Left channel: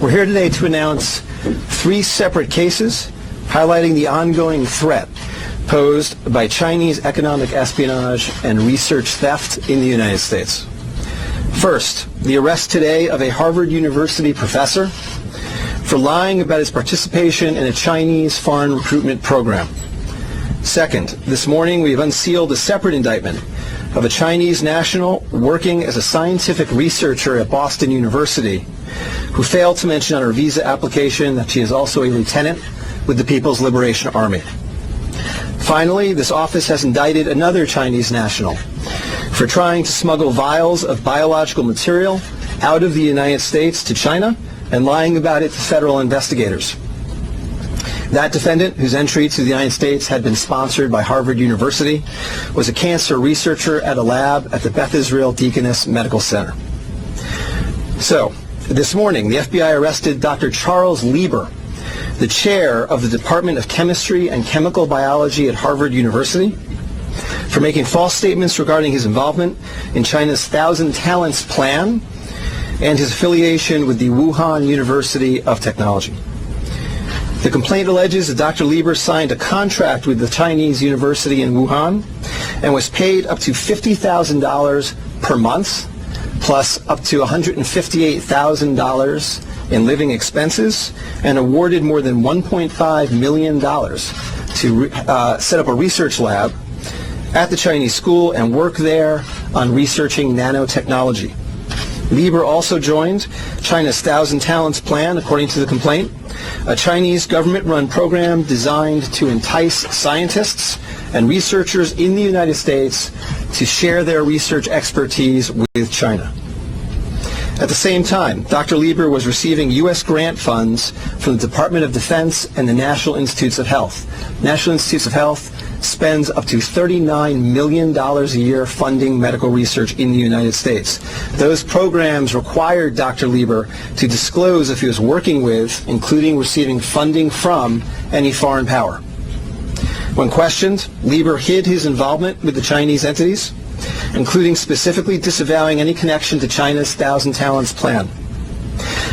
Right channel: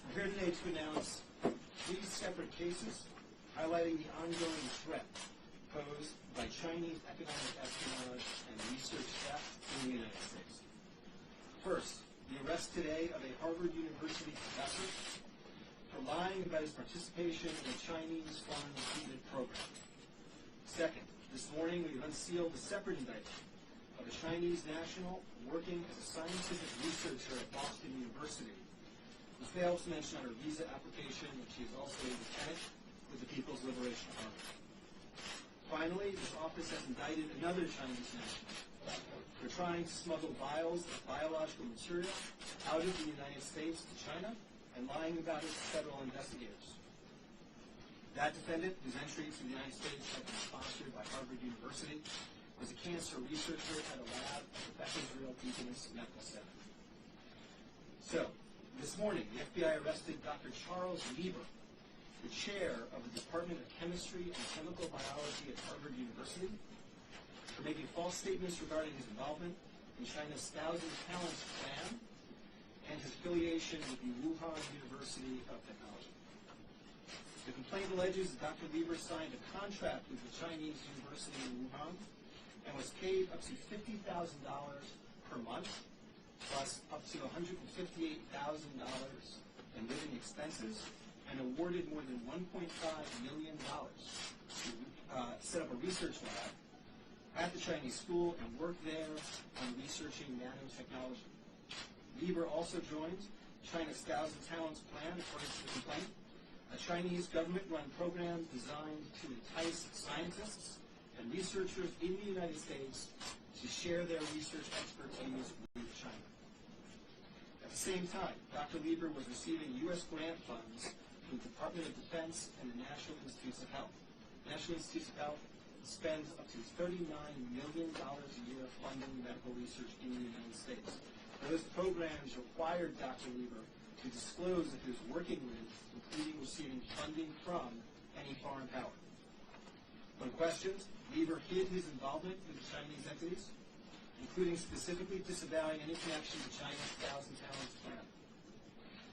We're here today to announce 3 separate cases highlighting the ongoing threat posed by Chinese economic espionage and research theft in the United States. First, the arrest today of a Harvard University professor for lying about his participation in a Chinese foreign recruitment program. Second, this morning we have unsealed a separate indictment of a Chinese national working as a scientific researcher at Boston University who failed to mention on her visa application that she is also a lieutenant with the People's Liberation Army. Finally, this office has indicted another Chinese national for trying to smuggle vials of biological material out of the United States to China and lying about it to federal investigators. That defendant, whose entry to the United States had been sponsored by Harvard University, was a cancer researcher at a lab at the Beth Israel Deaconess Medical Center. So, this morning, the FBI arrested Dr. Charles Lieber, the chair of the Department of Chemistry and Chemical Biology at Harvard University, for making false statements regarding his involvement in China's 1,000 Talents Plan and his affiliation with the Wuhan University of Technology. The complaint alleges that Dr. Lieber signed a contract with the Chinese university in Wuhan and was paid up to $50,000 per month, plus up to $158,000 in living expenses, and awarded more than $1.5 million to set up a research lab at the Chinese school and work there on researching nanotechnology. Lieber also joined China's 1,000 Talents Plan, according to the complaint, a Chinese government-run program designed to entice scientists and researchers in the United States to share their research expertise with China. At the same time, Dr. Lieber was receiving U.S. grant funds from the Department of Defense and the National Institutes of Health. National Institutes of Health spends up to $39 million a year funding medical research in the United States. Those programs required Dr. Lieber to disclose if he was working with, including receiving funding from, any foreign power. When questioned, Lieber hid his involvement with the Chinese entities, including specifically disavowing any connection to China's 1,000 Talents Plan.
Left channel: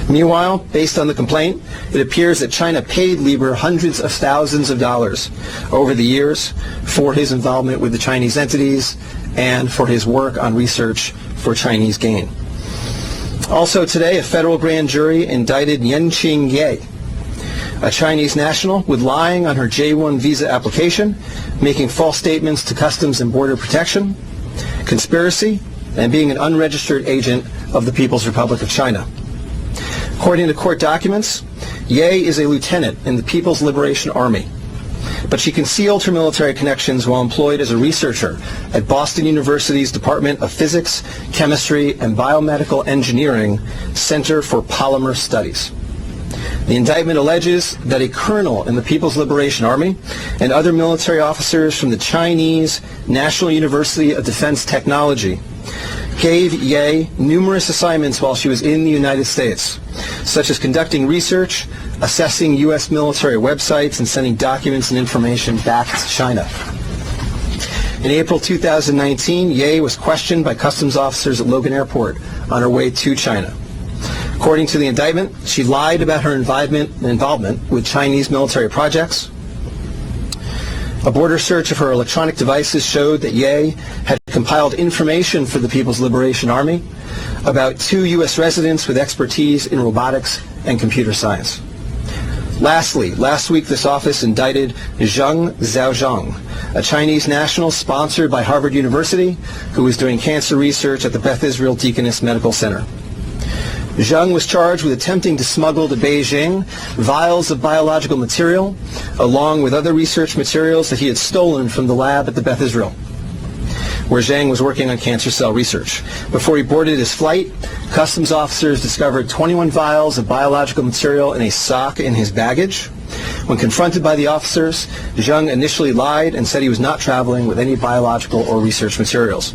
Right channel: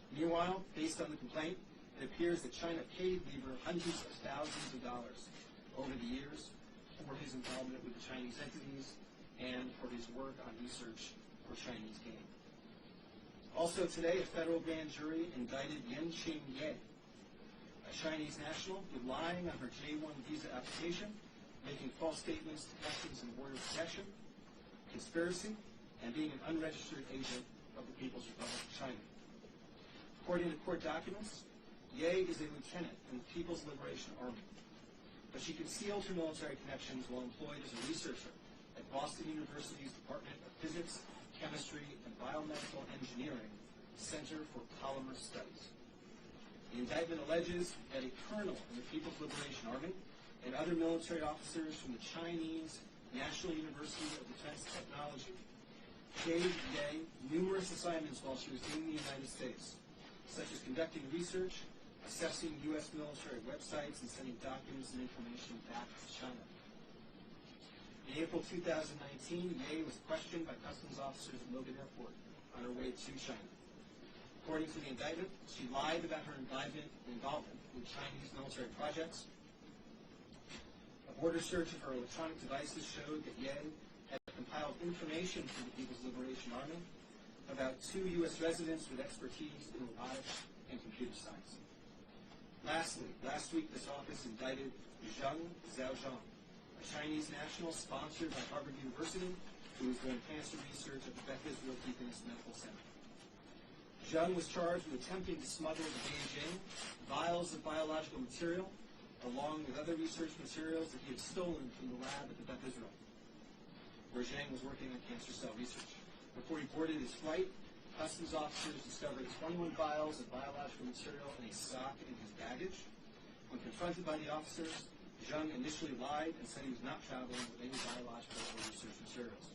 Meanwhile, based on the complaint, it appears that China paid Lieber hundreds of thousands of dollars over the years for his involvement with the Chinese entities and for his work on research for Chinese gain. Also today, a federal grand jury indicted Yenqing Ye, a Chinese national, with lying on her J-1 visa application, making false statements to Customs and Border Protection, conspiracy, and being an unregistered agent of the People's Republic of China. According to court documents, Ye is a lieutenant in the People's Liberation Army, but she concealed her military connections while employed as a researcher at Boston University's Department of Physics, Chemistry, and Biomedical Engineering Center for Polymer Studies. The indictment alleges that a colonel in the People's Liberation Army and other military officers from the Chinese National University of Defense Technology gave Ye numerous assignments while she was in the United States, such as conducting research, assessing U.S. military websites, and sending documents and information back to China. In April 2019, Ye was questioned by customs officers at Logan Airport on her way to China. According to the indictment, she lied about her involvement with Chinese military projects. A border search of her electronic devices showed that Ye had compiled information for the People's Liberation Army about 2 U.S. residents with expertise in robotics and computer science. Lastly, last week this office indicted Zheng Zhaozhang, a Chinese national sponsored by Harvard University who was doing cancer research at the Beth Israel Deaconess Medical Center. Zheng was charged with attempting to smuggle to Beijing vials of biological material, along with other research materials that he had stolen from the lab at the Beth Israel, where Zheng was working on cancer cell research. Before he boarded his flight, customs officers discovered 21 vials of biological material in a sock in his baggage. When confronted by the officers, Zheng initially lied and said he was not traveling with any biological or research materials.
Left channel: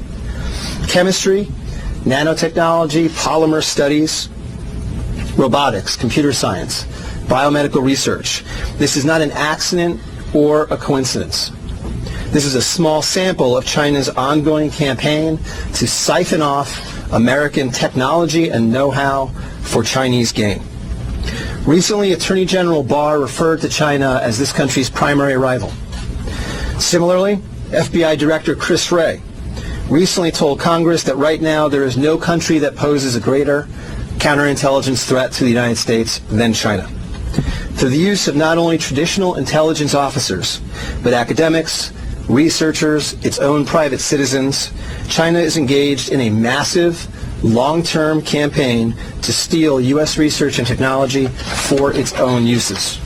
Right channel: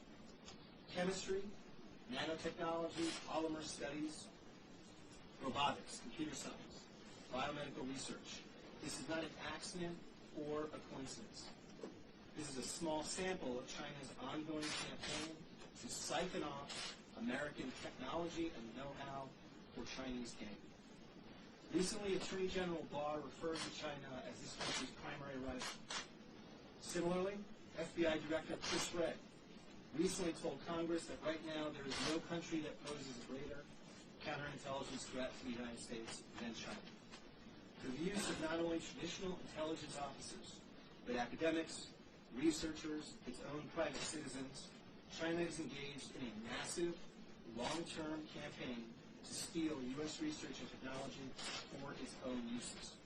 Chemistry, nanotechnology, polymer studies, robotics, computer science, biomedical research. This is not an accident or a coincidence. This is a small sample of China's ongoing campaign to siphon off American technology and know-how for Chinese gain. Recently, Attorney General Barr referred to China as this country's primary rival. Similarly, FBI Director Chris Wray recently told Congress that right now there is no country that poses a greater counterintelligence threat to the United States than China. Through the use of not only traditional intelligence officers, but academics, researchers, its own private citizens, China is engaged in a massive, long-term campaign to steal U.S. research and technology for its own uses.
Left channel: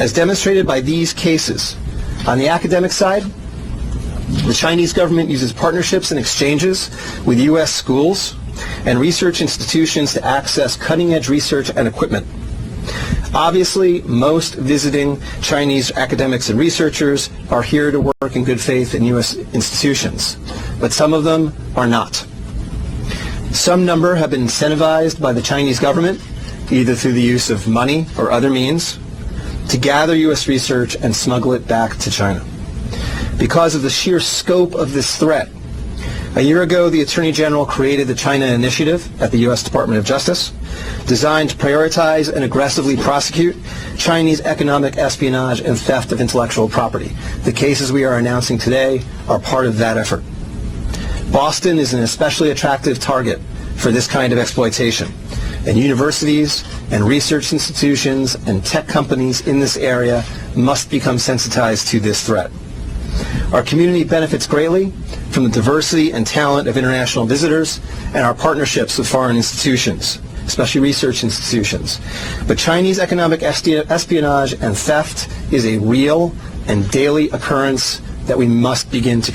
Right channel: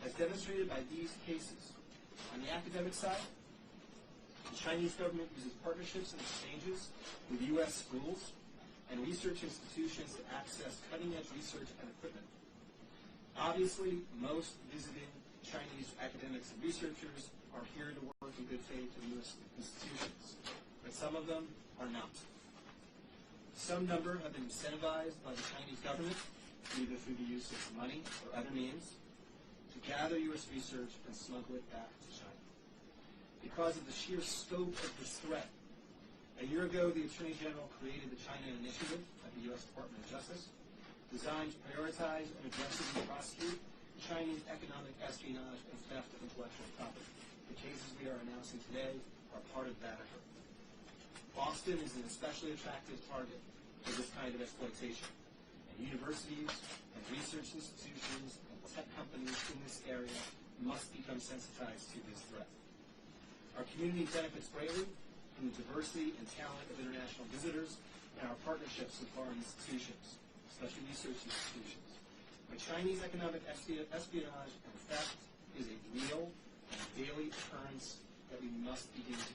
As demonstrated by these cases, on the academic side, the Chinese government uses partnerships and exchanges with U.S. schools and research institutions to access cutting-edge research and equipment. Obviously, most visiting Chinese academics and researchers are here to work in good faith in U.S. institutions, but some of them are not. Some number have been incentivized by the Chinese government, either through the use of money or other means, to gather U.S. research and smuggle it back to China. Because of the sheer scope of this threat, a year ago, the Attorney General created the China Initiative at the U.S. Department of Justice, designed to prioritize and aggressively prosecute Chinese economic espionage and theft of intellectual property. The cases we are announcing today are part of that effort. Boston is an especially attractive target for this kind of exploitation, and universities and research institutions and tech companies in this area must become sensitized to this threat. Our community benefits greatly from the diversity and talent of international visitors and our partnerships with foreign institutions, especially research institutions. But Chinese economic espionage and theft is a real and daily occurrence that we must begin to